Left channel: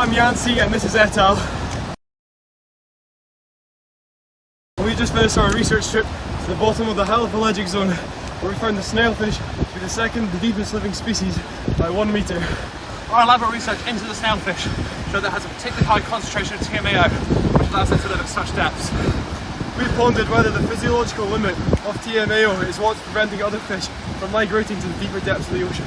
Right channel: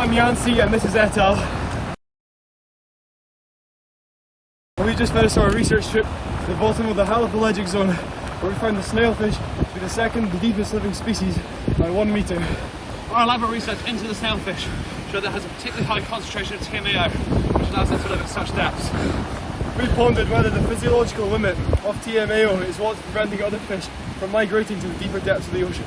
I'm Yancey and this is et al. We just finished our research trip to the bottom of the halophylegic zone, where we found the snailfish to be the second deepest living species by 1 metre. Our elaborate research into the snailfish showed that it has a particularly high concentration of TMAO, which allows it to live at such depths. We pondered whether the physiological limit of TMAO is what's preventing other fish from migrating to the deeper depths of the ocean.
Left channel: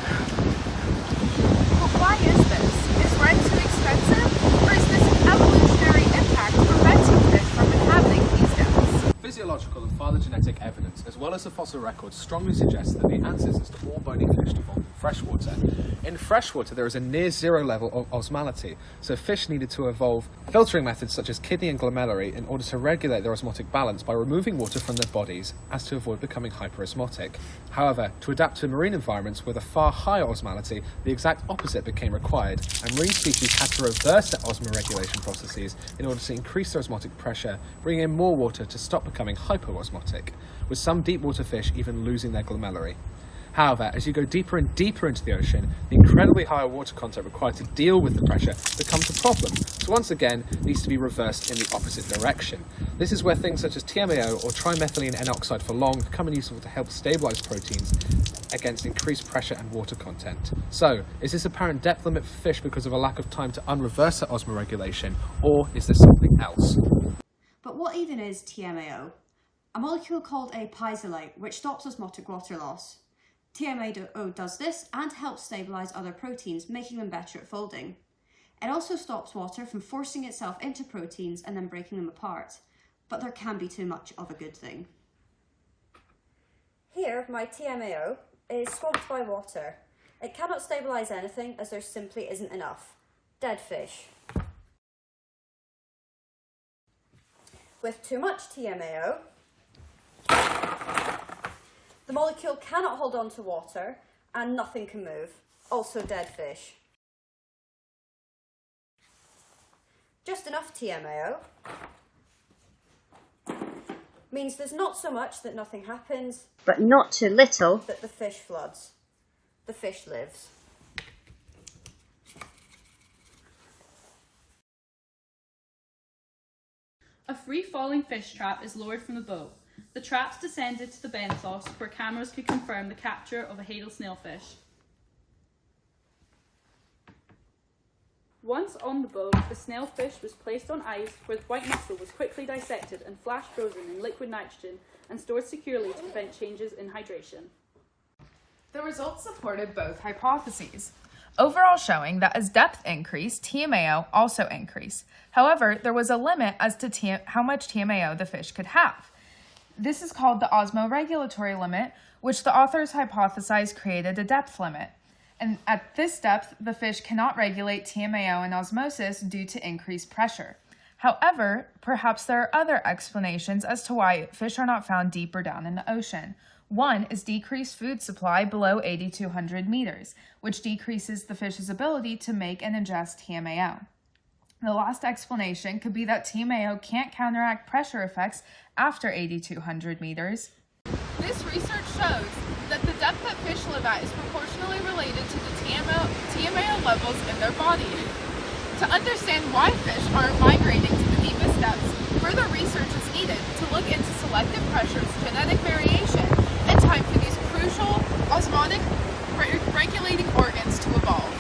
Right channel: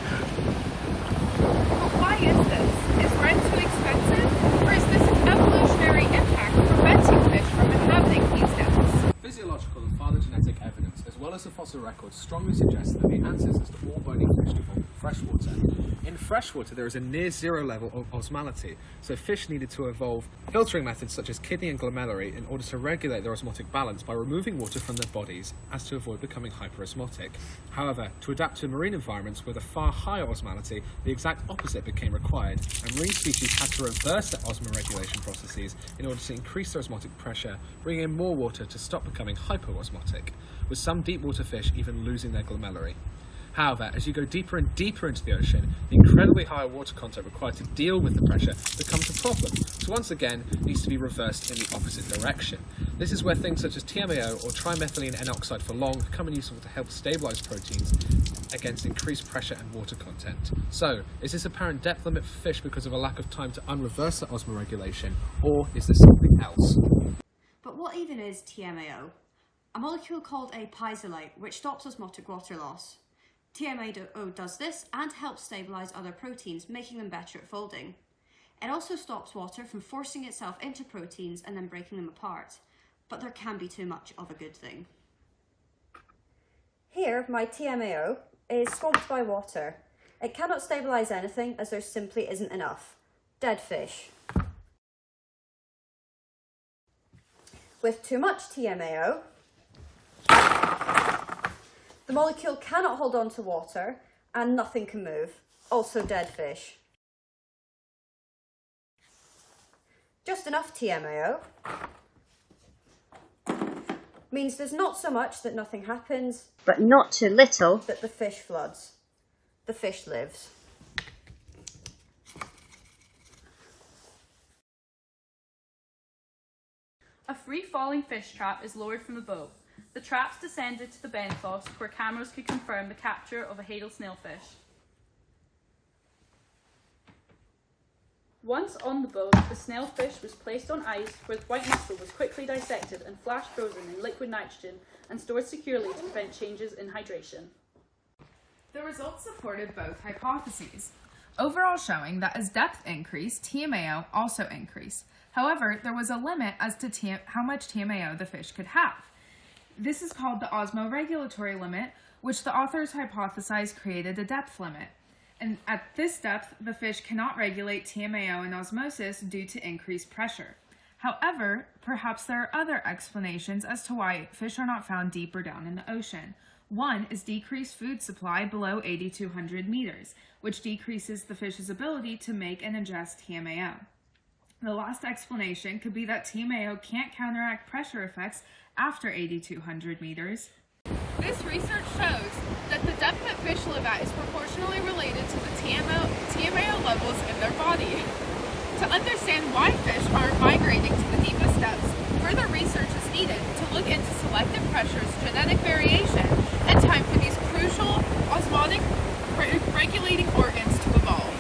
But why is this? Is rent too expensive? Or is this an evolutionary impact preventing fish from inhabiting these depths? Physiological and phylogenetic evidence, as well as the fossil record, strongly suggests that the ancestors to all bony fish evolved in freshwater. In freshwater, there is a near zero level of osmolality, so fish needed to evolve filtering methods such as kidney and glomeruli in order to regulate their osmotic balance by removing water from their bodies as to avoid becoming hyperosmotic. However, to adapt to marine environments with a far higher osmolality, the exact opposite became required, and marine species had to reverse their osmoregulation processes in order to increase their osmotic pressure, bringing in more water to stop becoming hyperosmotic, with some deep water fish even losing their glomeruli. However, as you go deeper and deeper into the ocean, the incredibly higher water content required to deal with the pressure becomes a problem. So once again, it needs to be reversed in the opposite direction. This is where things such as TMAO or trimethylene N oxide for long become useful to help stabilize proteins against increased pressure and water content. So, is this apparent depth limit for fish because of a lack of time to unreverse their osmoregulation, or is there something else? But what even is TMAO? A molecule called a piezolite, which stops osmotic water loss. TMAO does this and helps stabilize other proteins, making them better at folding. It also stops water from forcing itself into proteins and then breaking them apart. But there can be too much of a good thing. Here, my TMAO is swamped by water. It cannot stabilize anything as there simply isn't enough. Dead fish. With too much TMAO, the molecule cannot hold on to water and nothing can move. Also dead fish. Just enough TMAO means there's not so much that nothing happens, but not too little that the fish floods. The fish lives. A free-falling fish trap is lowered from the boat. The traps descended to the benthos, where cameras could confirm the capture of a Hadal snailfish. Once on the boat, the snailfish was placed on ice, where the white muscle was quickly dissected and flash frozen in liquid nitrogen and stored securely to prevent changes in hydration. The results supported both hypotheses, overall showing that as depth increased, TMAO also increased. However, there was a limit as to how much TMAO the fish could have. This is called the osmoregulatory limit, which the authors hypothesized created a depth limit. And at this depth, the fish cannot regulate TMAO in osmosis due to increased pressure. However, perhaps there are other explanations as to why fish are not found deeper down in the ocean. One is decreased food supply below 8,200 meters, which decreases the fish's ability to make and ingest TMAO. The last explanation could be that TMAO can't counteract pressure effects after 8,200 meters. This research shows that the depth that fish live at is proportionally related to the TMAO levels in their body. To understand why fish aren't migrating to the deepest depths, further research is needed to look into selective pressures, genetic variation, and time for these crucial osmotic regulating organs to evolve.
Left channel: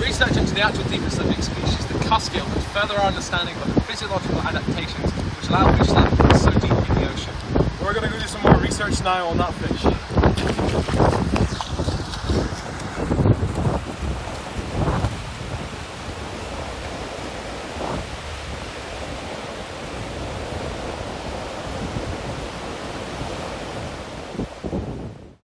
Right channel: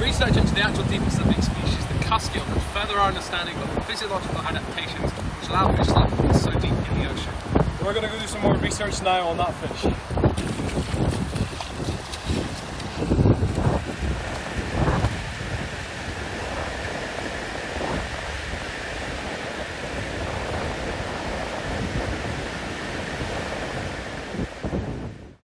Research into the actual deepest living species, the Cuskill, could further our understanding of the physiological adaptations which allow fish to live so deep in the ocean. We're going to go do some more research now on that fish.